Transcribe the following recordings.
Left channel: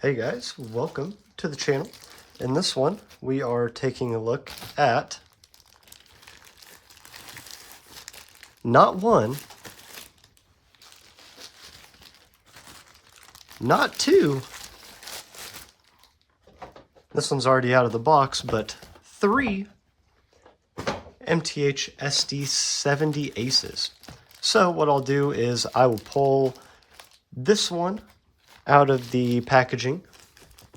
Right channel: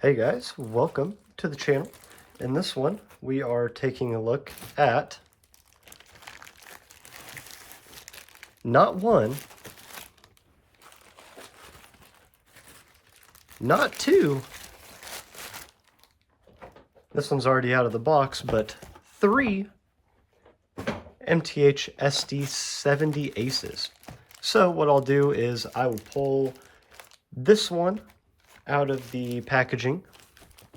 Hey guys, welcome to the channel. In this one, we are taking a look at not one, not two, this one's already out of the box, but three MTH SD70ACEs. So what I'll do is I will pull this one out of the packaging.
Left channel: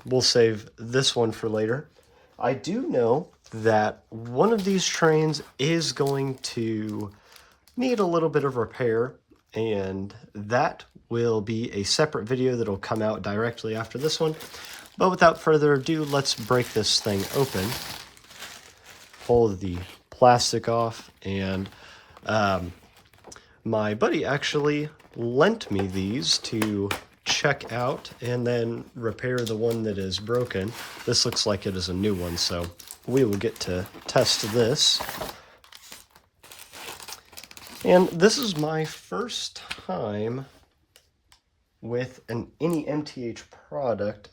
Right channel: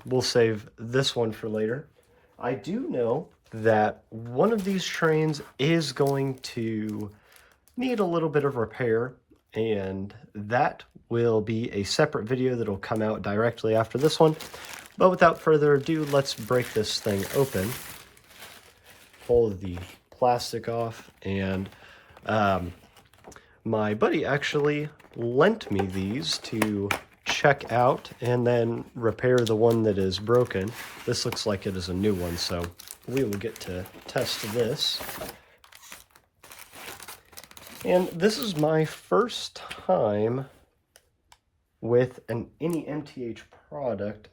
We'll save this one for later. I do know that one of these trains is going to need a little bit of repair, and that will be a separate video that'll come out directly after this one. But without further ado, let's break this thing open. Pull the plastic off, and my buddy actually lent me these to check out and then repair the one that is broken. This looks like it is a new one, so we will get to test this. And this is my first time with any MTH product.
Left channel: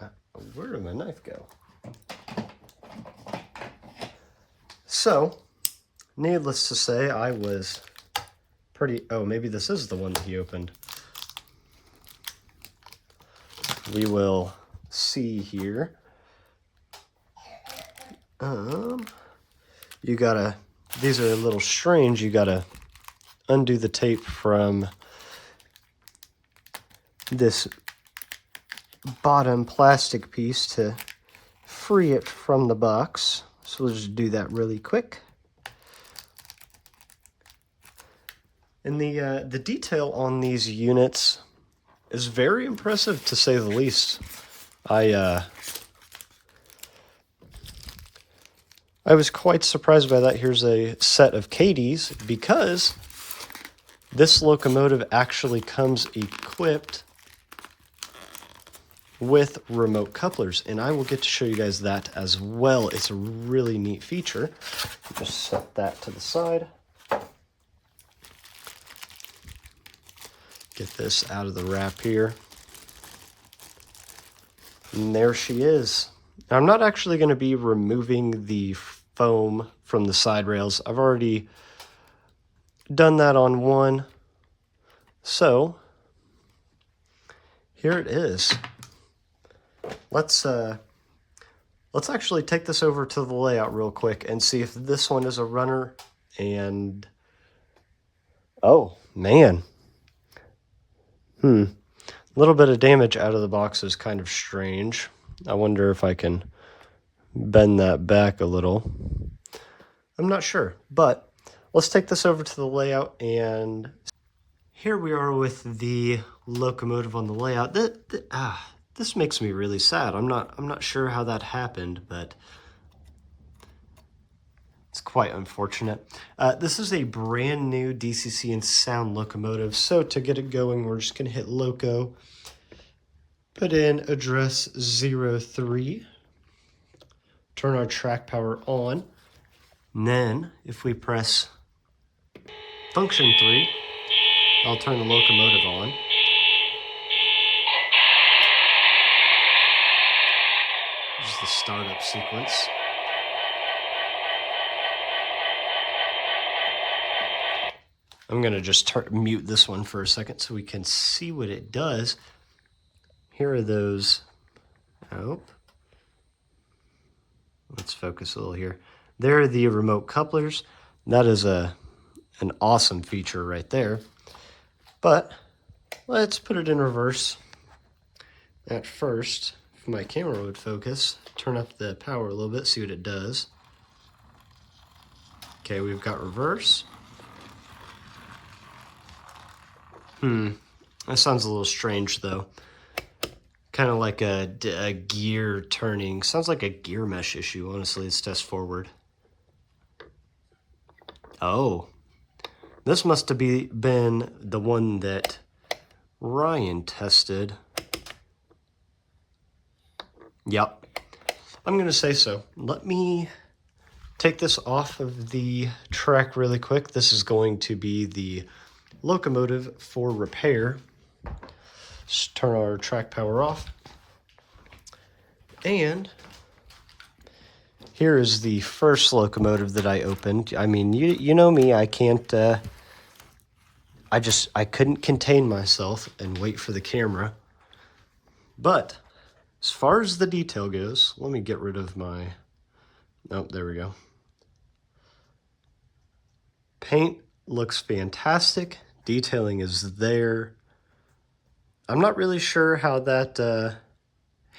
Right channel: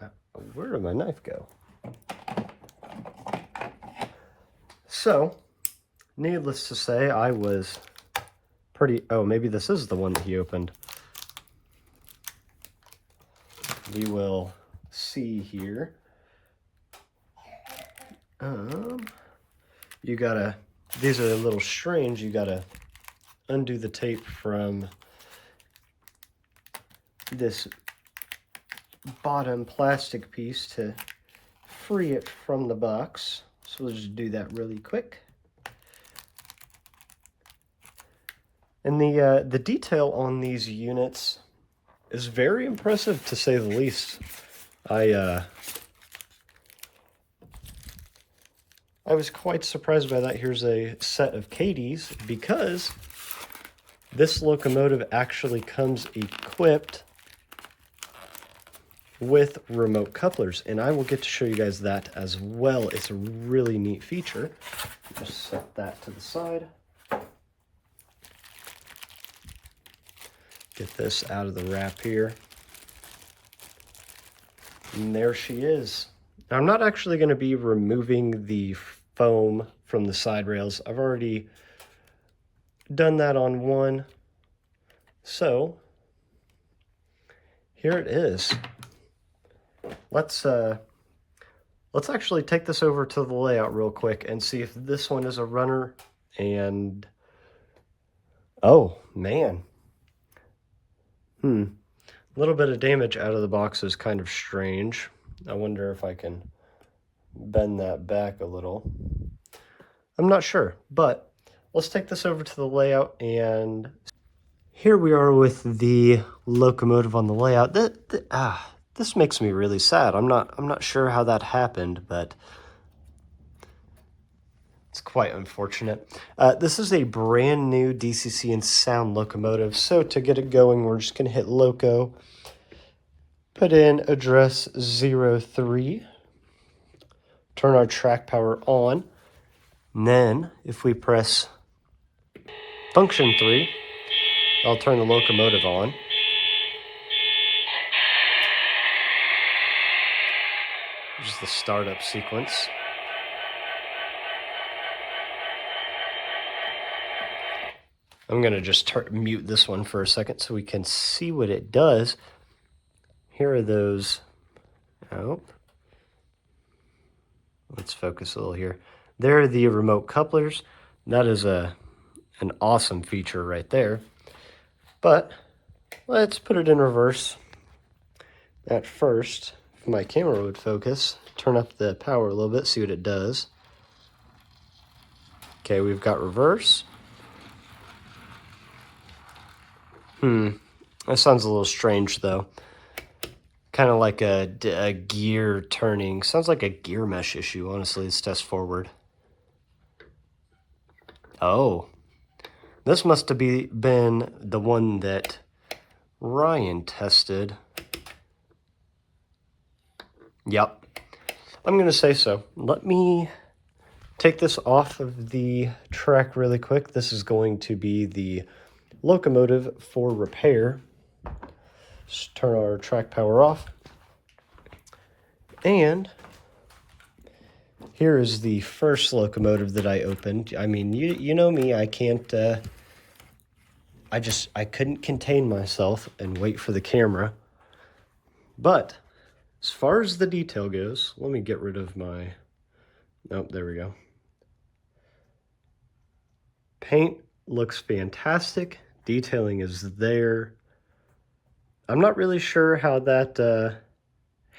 Where did my knife go? So, needless to say, I was pretty... Oh, maybe this is the one that he opened. We will see here. You gotta... These are a little strange. You gotta undo the tape from this bottom plastic piece to free it from the box. So we'll just do that really quick. And the detail on these units is very impressive, to say the least. I was quite surprised by that. Here's a set of Katie's, because this locomotive actually comes equipped with remote couplers, and I will get to show you guys that as well. It's a really neat feature. Just set that to the side. Get this out of the wrap here. And there she is. Now, I'm not actually going to be removing the foam from the side rails. I've already done that on one. So, here it is. Let's actually take this over to the layout real quick and see if this one is a runner. And oh man, a little bit of damage out of the box is kind of strange. I wonder if I can bend that back a little. I'm not sure, but let's take this over to the layout, and here we are with the locomotive on the layout. This makes me really sad. I'm not sure how that happened, but it's quite unfortunate. This is a brand new DCC and sound locomotive. So to get it going, we're just gonna hit loco, put in address 03, turn our track power on. And then if we press function 3, I'll turn the locomotive on. This is the startup sequence. I'm going to just mute this one for a second so we can see what it does. Here are those. Oh. Let's focus a little here. There are the remote couplers. That is an awesome feature right there. But let's put it in reverse. At first, if my camera would focus, turn up the power a little bit, see what it does. Okay, we've got reverse. That sounds a little strange though. Kind of like a gear turning. Sounds like a gear mesh issue, honestly. Let's test forward. Oh, this must have been the one that Ryan tested. Yep, I'm gonna say so. Let me take this off of the track really quick. This is going to be the locomotive for repair. Just turn our track power off. And here is the first locomotive that I opened. I mean, you know me, I can't, I couldn't contain myself and wait for the camera. But as far as the detail goes, let me get rid of my, nope, there we go. Paint looks fantastic. Detailing is there. I'm not really sure how that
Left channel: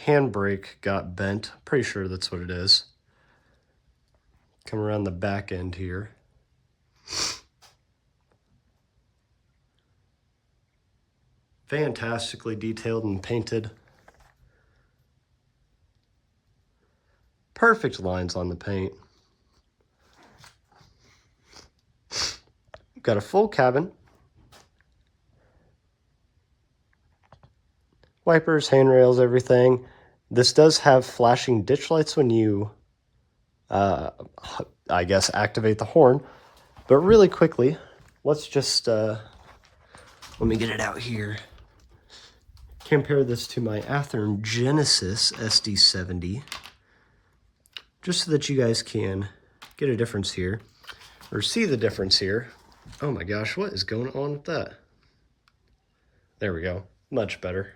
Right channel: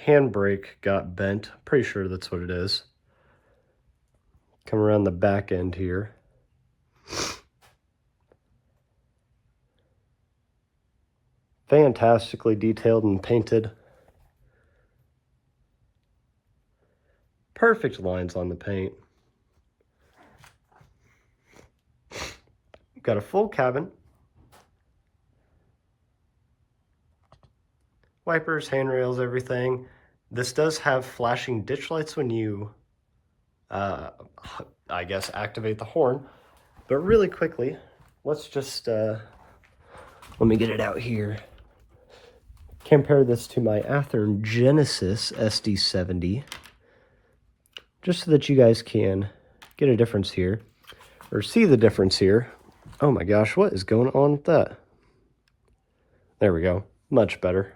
handbrake got bent. Pretty sure that's what it is. Come around the back end here. Fantastically detailed and painted. Perfect lines on the paint. Got a full cabin. Wipers, handrails, everything. This does have flashing ditch lights when you, I guess, activate the horn. But really quickly, let's just, let me get it out here. Compare this to my Athearn Genesis SD70. Just so that you guys can get a difference here, or see the difference here. Oh my gosh, what is going on with that? There we go, much better.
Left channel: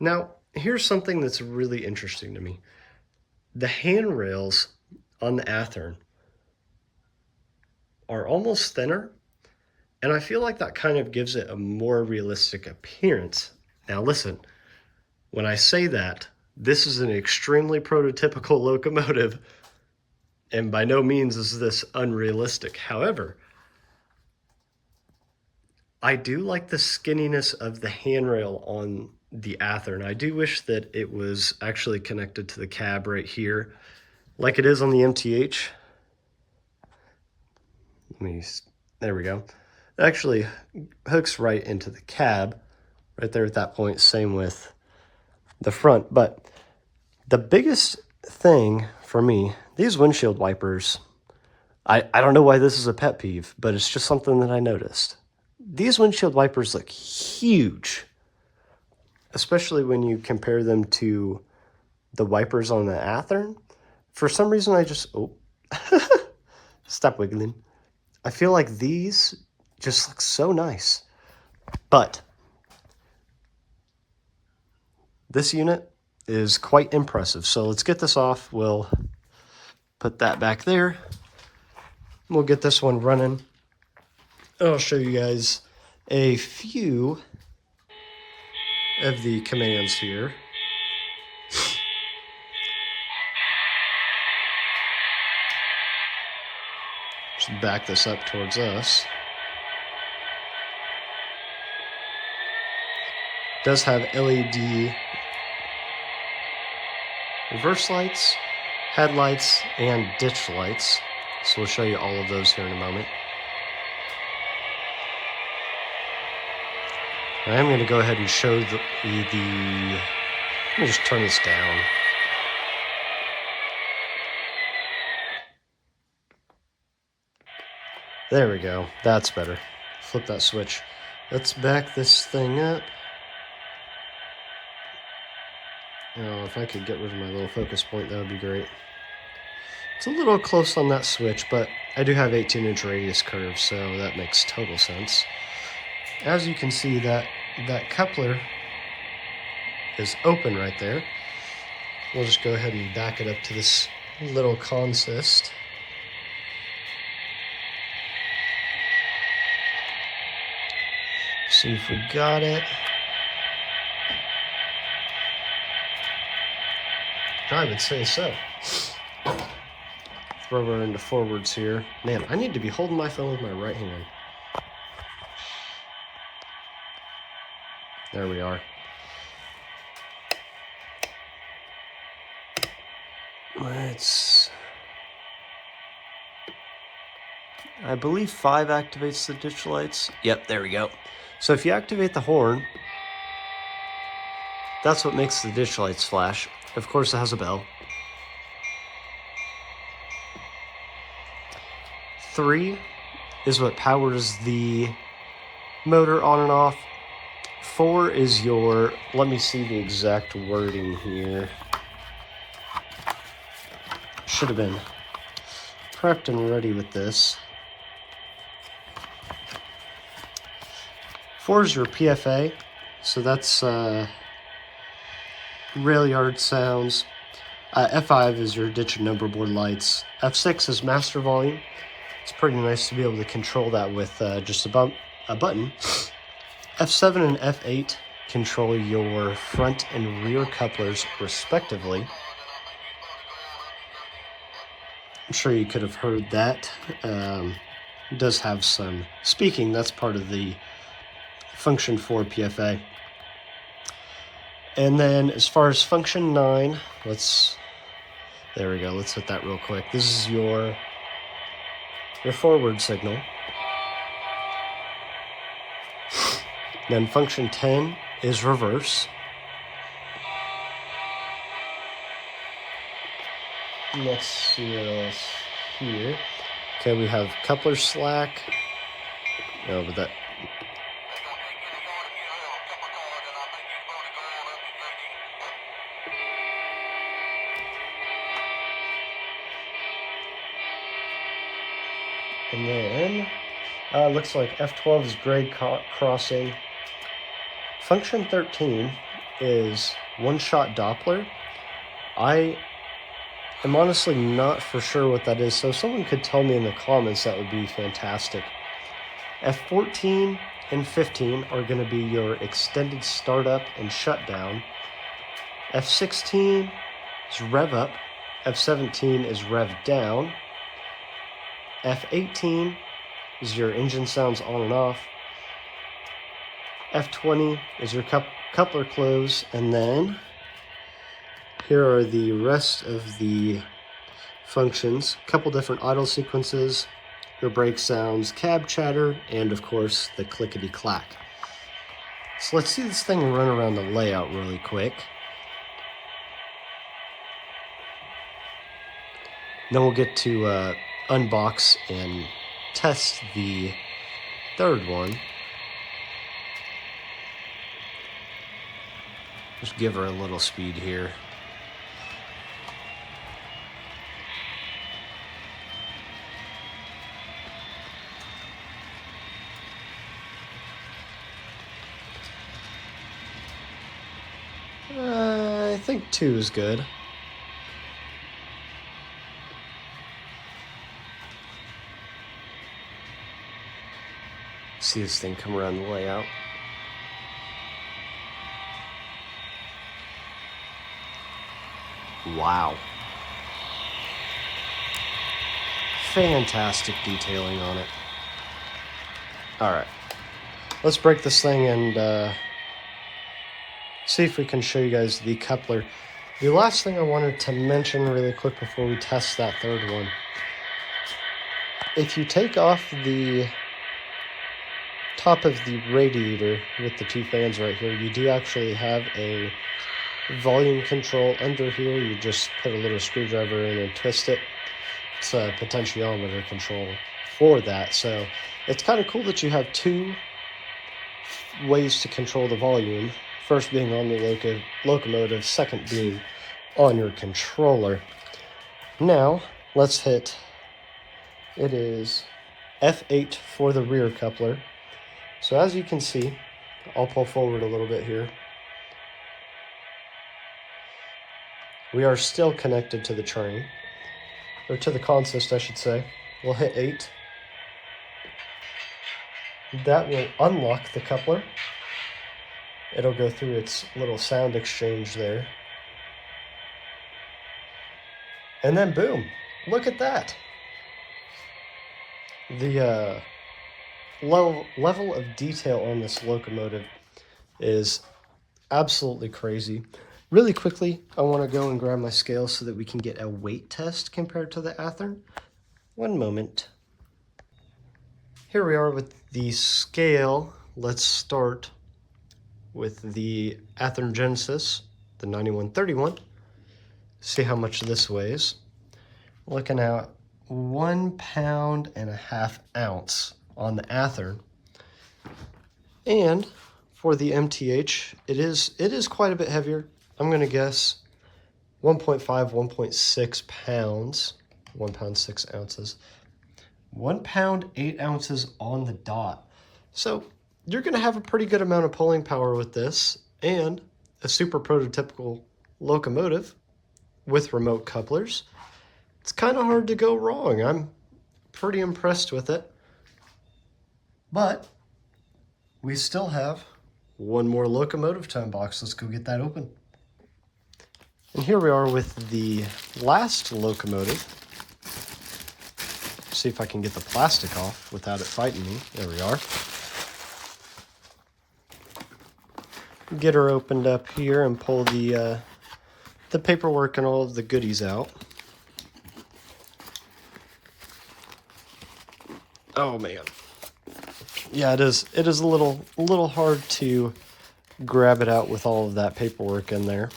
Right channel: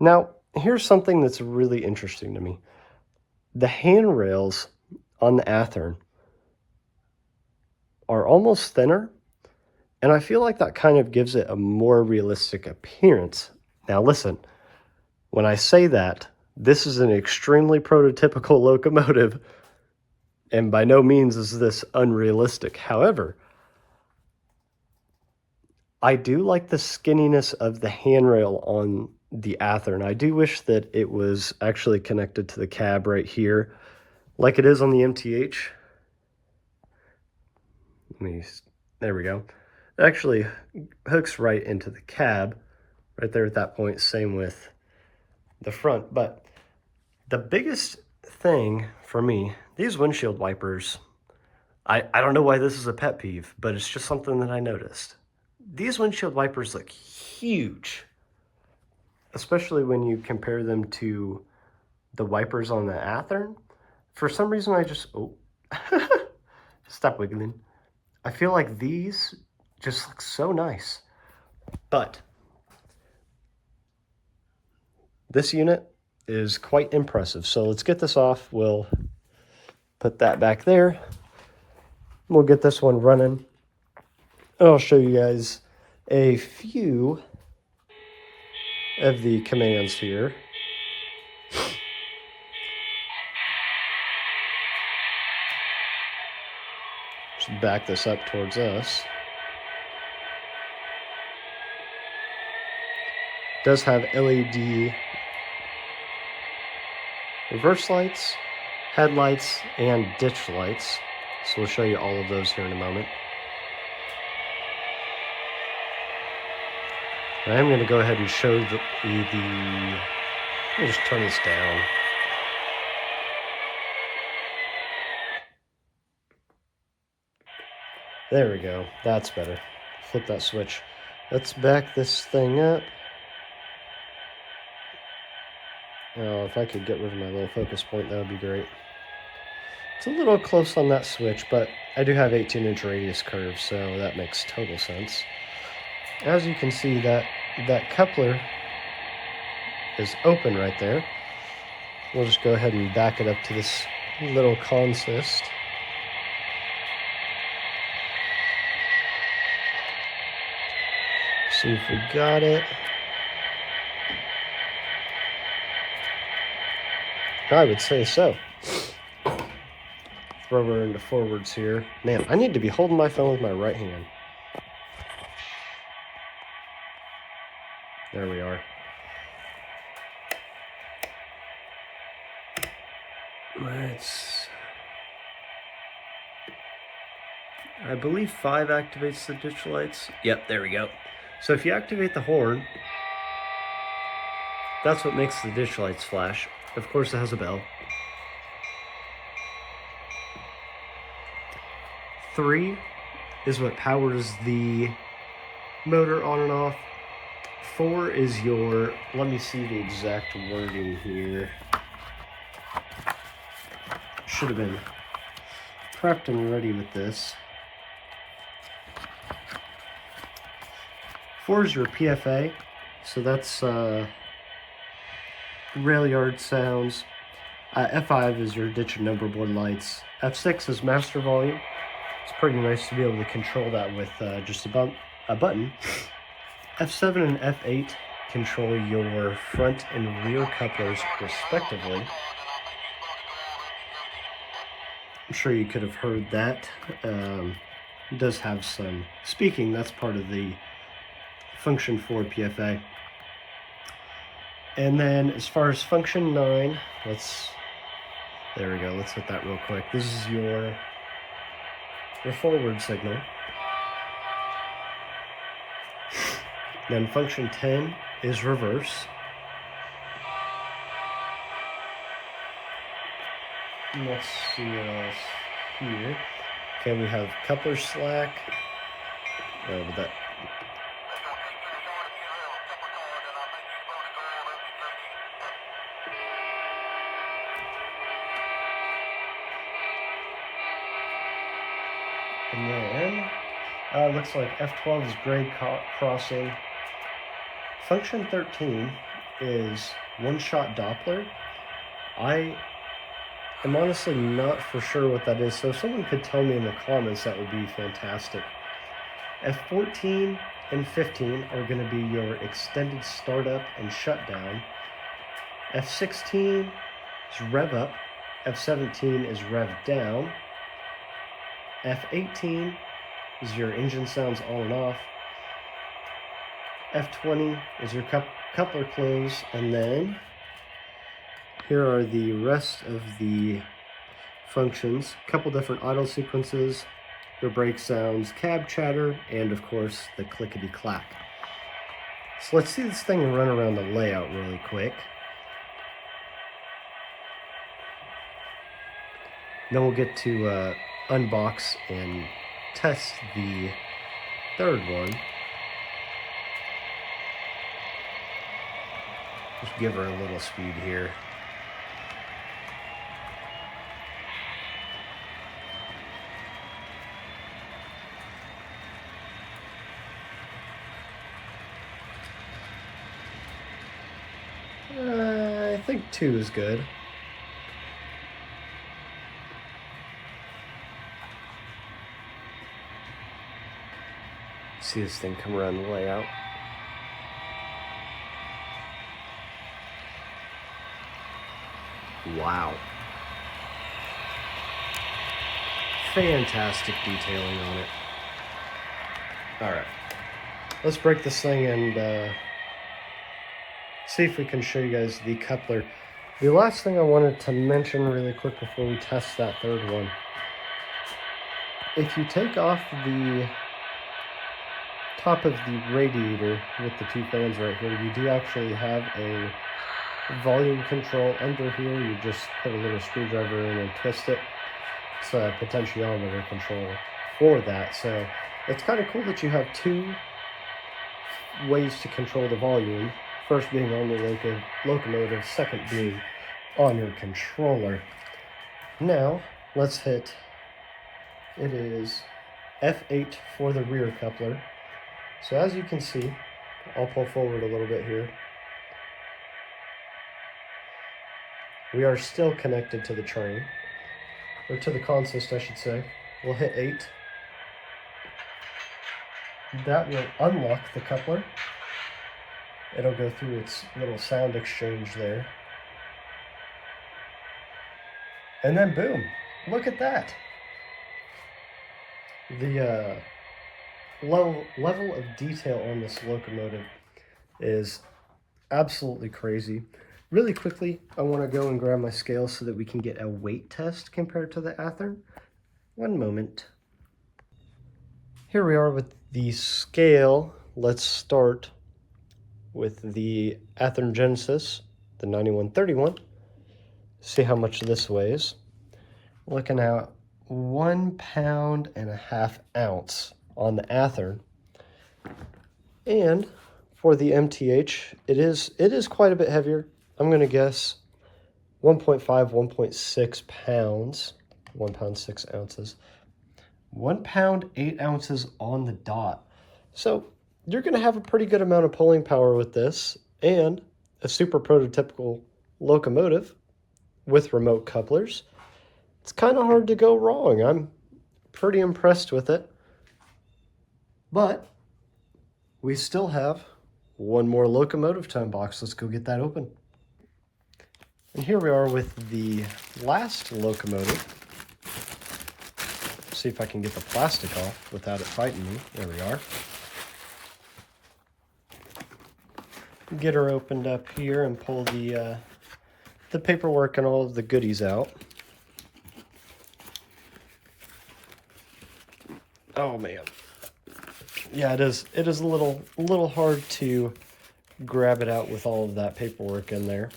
Now, here's something that's really interesting to me. The handrails on the Athearn are almost thinner, and I feel like that kind of gives it a more realistic appearance. Now listen, when I say that, this is an extremely prototypical locomotive, and by no means is this unrealistic. However, I do like the skinniness of the handrail on the Athearn. I do wish that it was actually connected to the cab right here, like it is on the MTH. There we go. It actually hooks right into the cab, right there at that point. Same with the front. But the biggest thing for me, these windshield wipers, I don't know why this is a pet peeve, but it's just something that I noticed. These windshield wipers look huge, especially when you compare them to the wipers on the Athearn. For some reason, I just, stop wiggling. I feel like these just look so nice. But this unit is quite impressive. So let's get this off. We'll put that back there. We'll get this one running. And I'll show you guys a few of the commands here. Just back this up towards us. It does have LED reverse lights, headlights, and ditch lights. So we'll show you all of those here in a moment. I am going to go ahead and show let me just turn this down. There we go. That's better. Flip that switch. Let's back this thing up. Oh, if I could get rid of my little focus point, that would be great. It's a little close on that switch, but I do have 18-inch radius curves, so that makes total sense. As you can see, that coupler is open right there. We'll just go ahead and back it up to this little consist. See if we got it. I would say so. Throw her into forwards here. Man, I need to be holding my phone with my right hand. There we are. I believe 5 activates the ditch lights. Yep, there we go. So if you activate the horn, that's what makes the ditch lights flash. Of course, it has a bell. 3 is what powers the motor on and off. 4 is your, let me see the exact wording here. should have been prepped and ready with this. 4 is your PFA, so that's rail yard sounds. F5 is your ditch and number board lights. F6 is master volume. It's pretty nice to be able to control that with just a button. F7 and F8 control your front and rear couplers respectively. I'm sure you could have heard that. It does have some speaking. That's part of the function 4 PFA. And then as far as function 9, there we go, let's hit that real quick. This is your forward signal. Then function 10 is reverse. Let's see what else here. Okay, we have coupler slack. Oh, but that. And then, looks like F12 is grade crossing. Function 13 is one-shot Doppler. I am honestly not for sure what that is, so if someone could tell me in the comments, that would be fantastic. F14 and 15 are going to be your extended startup and shutdown. F16 is rev up. F17 is rev down. F18 is your engine sounds on and off. F20 is your coupler close, and then here are the rest of the functions. A couple different idle sequences, your brake sounds, cab chatter, and of course the clickety-clack. So let's see this thing run around the layout really quick. Then we'll get to unbox and test the third one. Just give her a little speed here. I think 2 is good. See this thing come around the layout. Wow. Fantastic detailing on it. All right, let's break this thing and see if we can show you guys the coupler. The last thing I wanted to mention really quick before we test that third one. If you take off the top of the radiator with the 2 fans right here, you do actually have a volume control under here. You just put a little screwdriver in and twist it. It's a potentiometer control for that. So it's kind of cool that you have 2 ways to control the volume. First being on the locomotive, second being on your controller. Now let's hit, it is F8 for the rear coupler. So as you can see, I'll pull forward a little bit here. We are still connected to the train, or to the consist, I should say. We'll hit 8. That will unlock the coupler. It'll go through its little sound exchange there. And then boom, look at that. The level of detail on this locomotive is absolutely crazy. Really quickly, I want to go and grab my scale so that we can get a weight test compared to the Athearn. One moment. Here we are with the scale. Let's start with the Athearn Genesis, the 9131. See how much this weighs. Looking at 1.5 pounds on the Athearn. And for the MTH, it is quite a bit heavier. I'm going to guess 1.5, 1.6 pounds, 1 pound 6 ounces, 1 pound 8 ounces on the dot. So you're going to have a pretty good amount of pulling power with this, and a super prototypical locomotive with remote couplers. It's kind of hard to go wrong. I'm pretty impressed with it. But we still have one more locomotive time box. Let's go get that open. And here we are with the last locomotive. See if I can get the plastic off without it fighting me. There we are. Get her opened up here and pull the paperwork and all of the goodies out. Oh man. Yeah, it is a little hard to grab it out with all of that paperwork in there.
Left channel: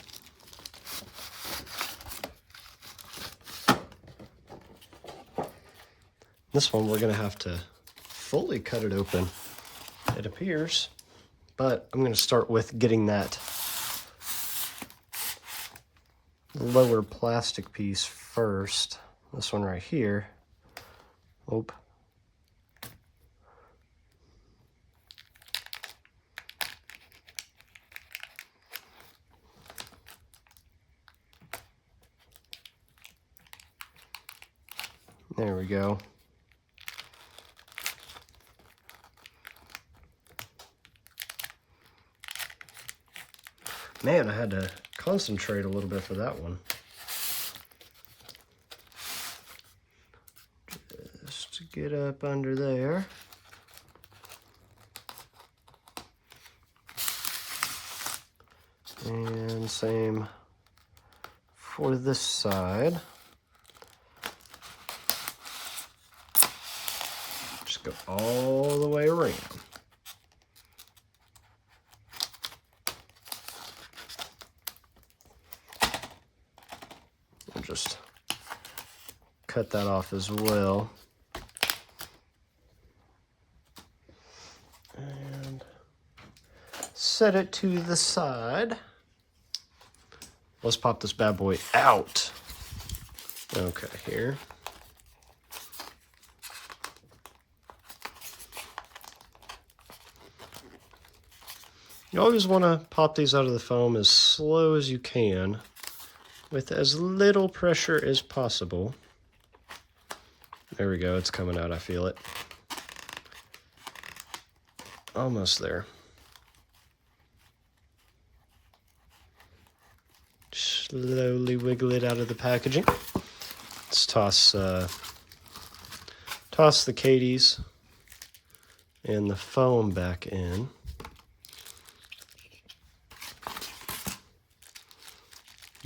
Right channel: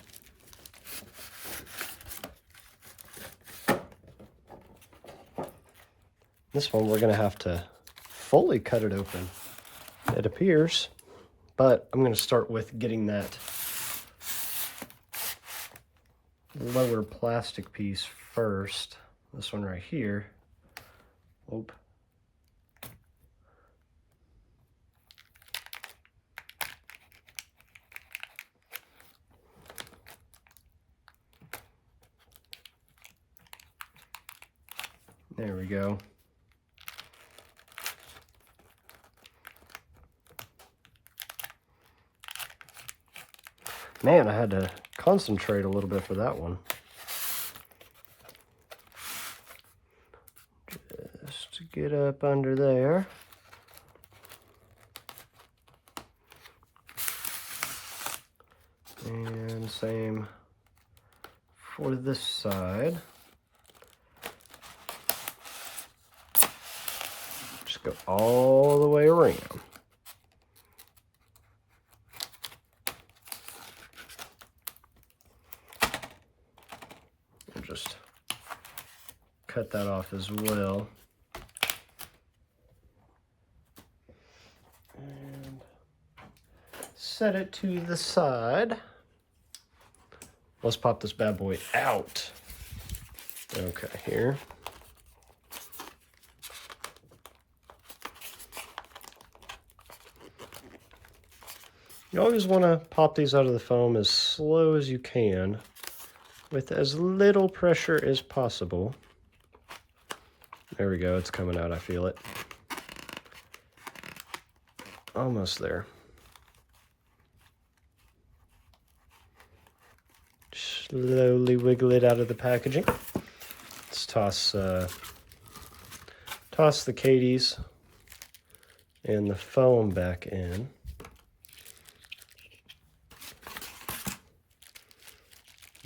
This one we're gonna have to fully cut it open, it appears, but I'm gonna start with getting that lower plastic piece first. This one right here. Oop. There we go. Man, I had to concentrate a little bit for that one. Just to get up under there. And same for this side. Just go all the way around. Just cut that off as well. And set it to the side. Let's pop this bad boy out. Okay, here. You always want to pop these out of the foam as slow as you can, with as little pressure as possible. There we go, it's coming out, I feel it. Almost there. Slowly wiggle it out of the packaging. Let's toss the Cadies and the foam back in.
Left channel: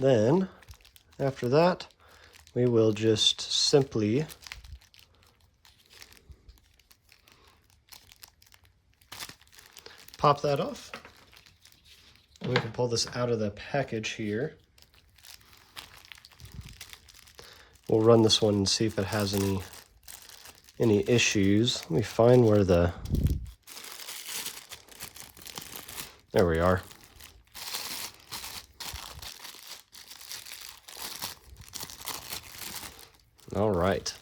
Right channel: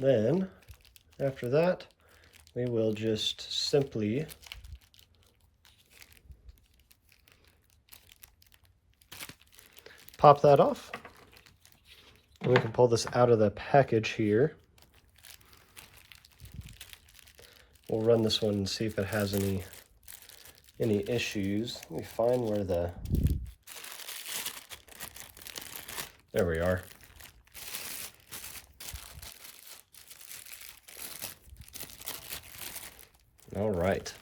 Then, after that, we will just simply pop that off. And we can pull this out of the package here. We'll run this one and see if it has any issues. Let me find where the... There we are. All right.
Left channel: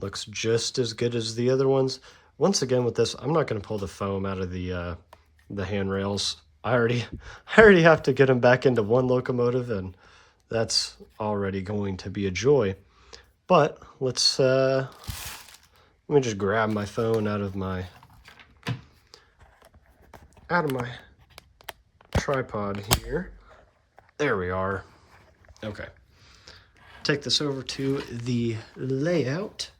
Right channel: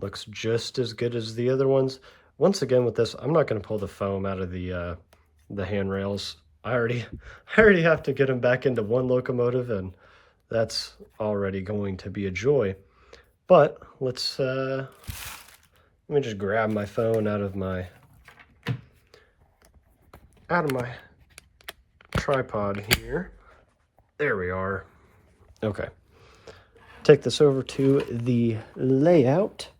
Looks just as good as the other ones. Once again with this, I'm not going to pull the foam out of the handrails. I already have to get them back into one locomotive, and that's already going to be a joy. But let's let me just grab my phone out of my tripod here. There we are. Okay. Take this over to the layout.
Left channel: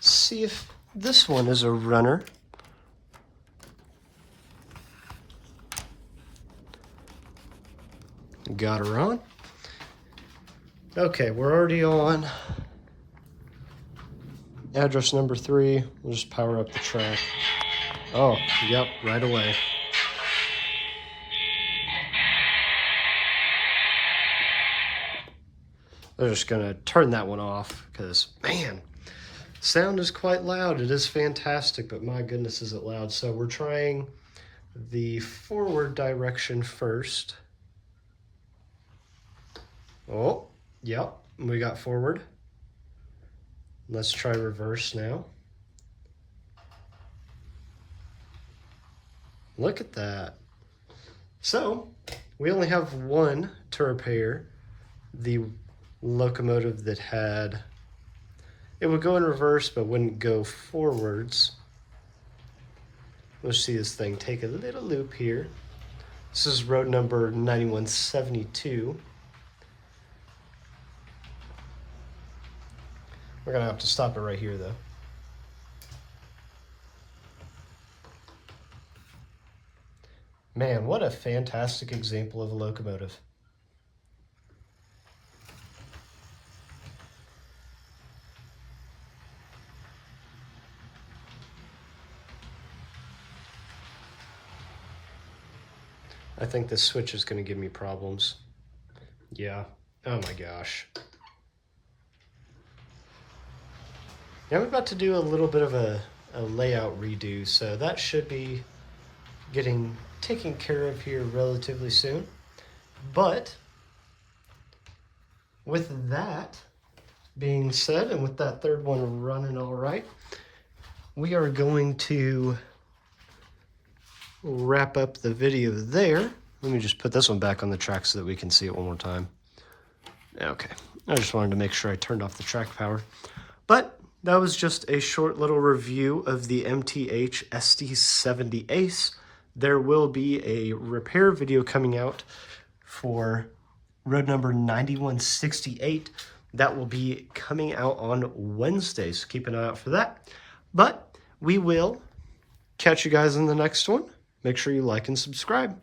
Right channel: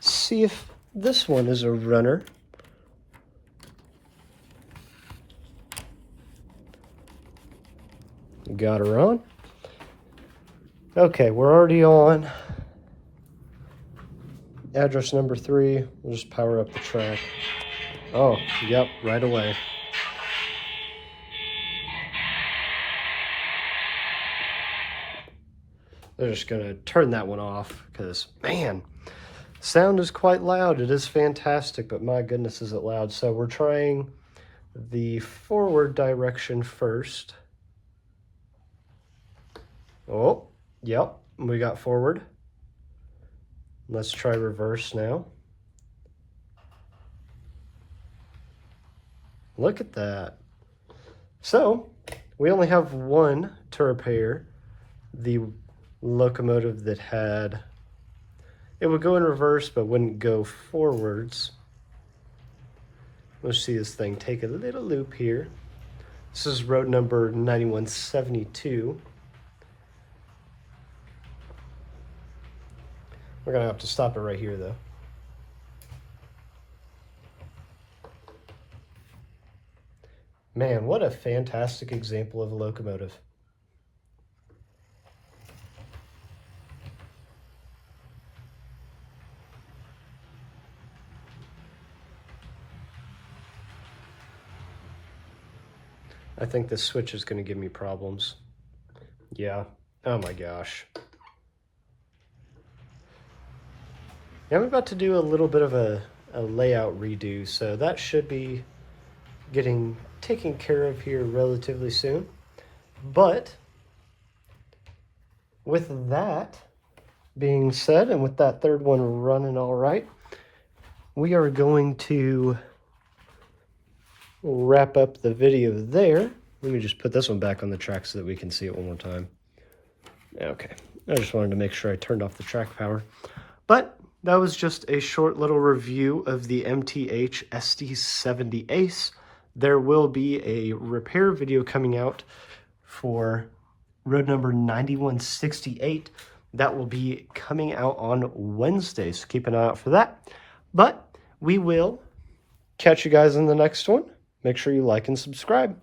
See if this one is a runner. Got her on. Okay, we're already on address number 3. We'll just power up the track. Oh, yep, right away. I'm just gonna turn that one off because, man, sound is quite loud. It is fantastic, but my goodness, is it loud. So we're trying the forward direction first. Oh, yep, we got forward. Let's try reverse now. Look at that. So we only have one to repair. The locomotive that had, it would go in reverse but wouldn't go forwards. Let's see this thing take a little loop here. This is road number 9172. We're gonna have to stop it right here though. Man, what a fantastic example of a locomotive. I think this switch is going to give me problems. Yeah. Oh my gosh. Now I'm about to do a little bit of a layout redo, so that should be getting taken care of here relatively soon. But with that being said, and with that third one running all right, we are going to wrap up the video there. Let me just put this one back on the track so that we can see it one more time. Okay, I just wanted to make sure I turned off the track power. But that was just a short little review of the MTH SD70ACE. There will be a repair video coming out for road number 9168. That will be coming out on Wednesday, so keep an eye out for that. But we will catch you guys in the next one. Make sure you like and subscribe.